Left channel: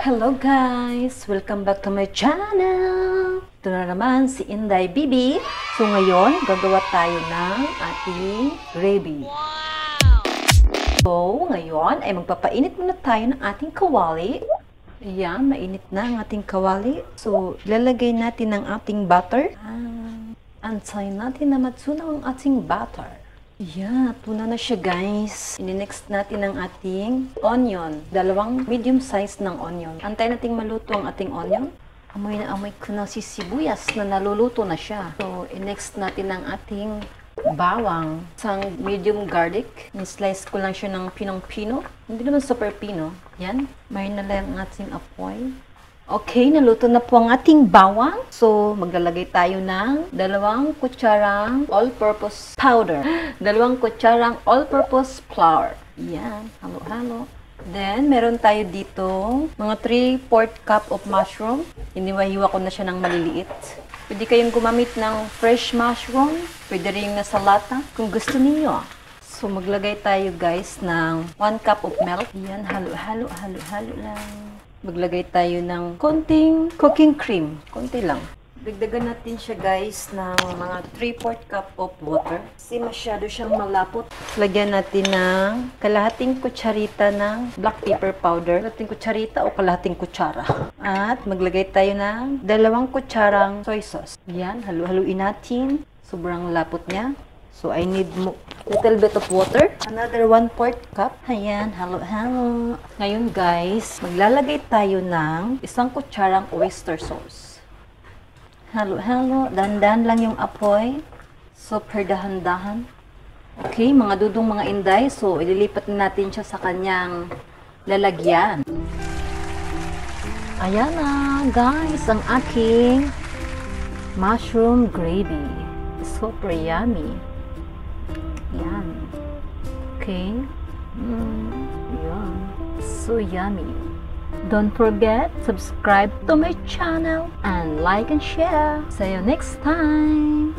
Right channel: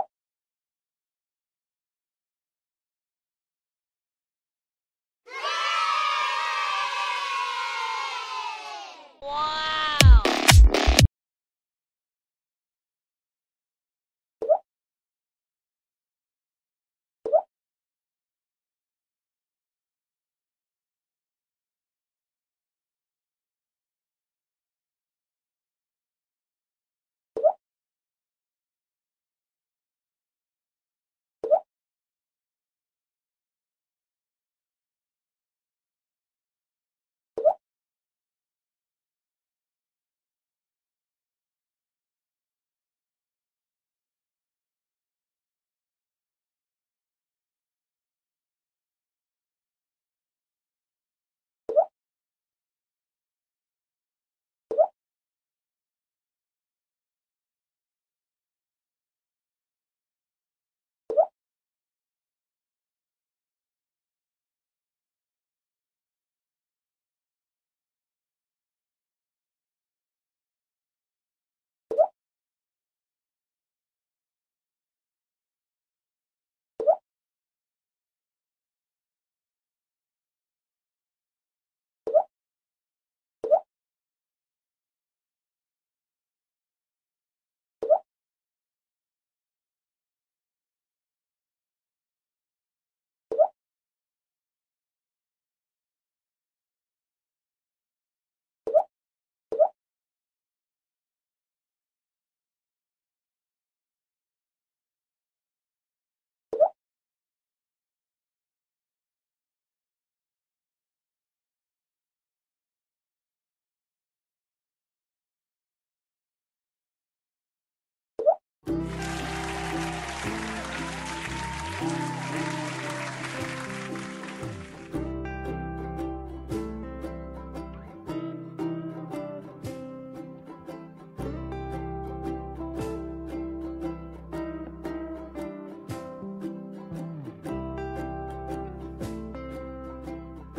Hello guys! Welcome back to my channel! Ito na naman si Inday Bibi. So ngayon, gagawa tayo ng ating gravy. Wow! So ngayon ay magpapainit muna tayo ng ating kawali. Ayan, mainit na ang ating kawali. So ilalagay natin ang ating butter. Antayin natin na matsunaw ang ating butter. Yeah, tuna na siya guys. Ini-next natin ang ating onion. 2 medium size ng onion. Antayin nating maluto ang ating onion. Amoy na amoy ko na si sibuyas na naluluto na siya. So, i-next natin ang ating bawang. Isang medium garlic. Ni-slice ko lang siya ng pinong-pino. Hindi naman super pino. Yan. May na lang ang ating apoy. Okay, naluto na po ang ating bawang. So, maglalagay tayo ng 2 kutsarang all-purpose powder. 2 kutsarang all-purpose flour. Yan, halo-halo. Then, meron tayo dito mga 3/4 cup of mushroom. Iniwa-hiwa ko na siya ng maliliit. Pwede kayong gumamit ng fresh mushroom. Pwede rin na sa lata kung gusto niyo. So, maglagay tayo guys ng 1 cup of milk. Yan, halo-halo, halo-halo lang. Maglagay tayo ng konting cooking cream. Konti lang. Dagdagan natin siya guys ng mga 3/4 cup of water. Kasi masyado siyang malapot. Lagyan natin ng kalahating kutsarita ng black pepper powder. Kalahating kutsarita o kalahating kutsara. At maglagay tayo ng 2 kutsarang soy sauce. Yan, halu-haluin natin. Sobrang lapot niya. So, I need little bit of water. Another 1/4 cup. Ayan, halo-halo. Ngayon guys, maglalagay tayo ng 1 kutsarang oyster sauce. Halo-halo. Dahan-dahan lang yung apoy. Super dahan-dahan. Okay, mga dudong mga inday. So, ililipat natin siya sa kanyang lalagyan. Ayan na guys, ang ating mushroom gravy. Super yummy. Yan. Okay. Yan. So yummy. Don't forget, subscribe to my channel and like and share. See you next time.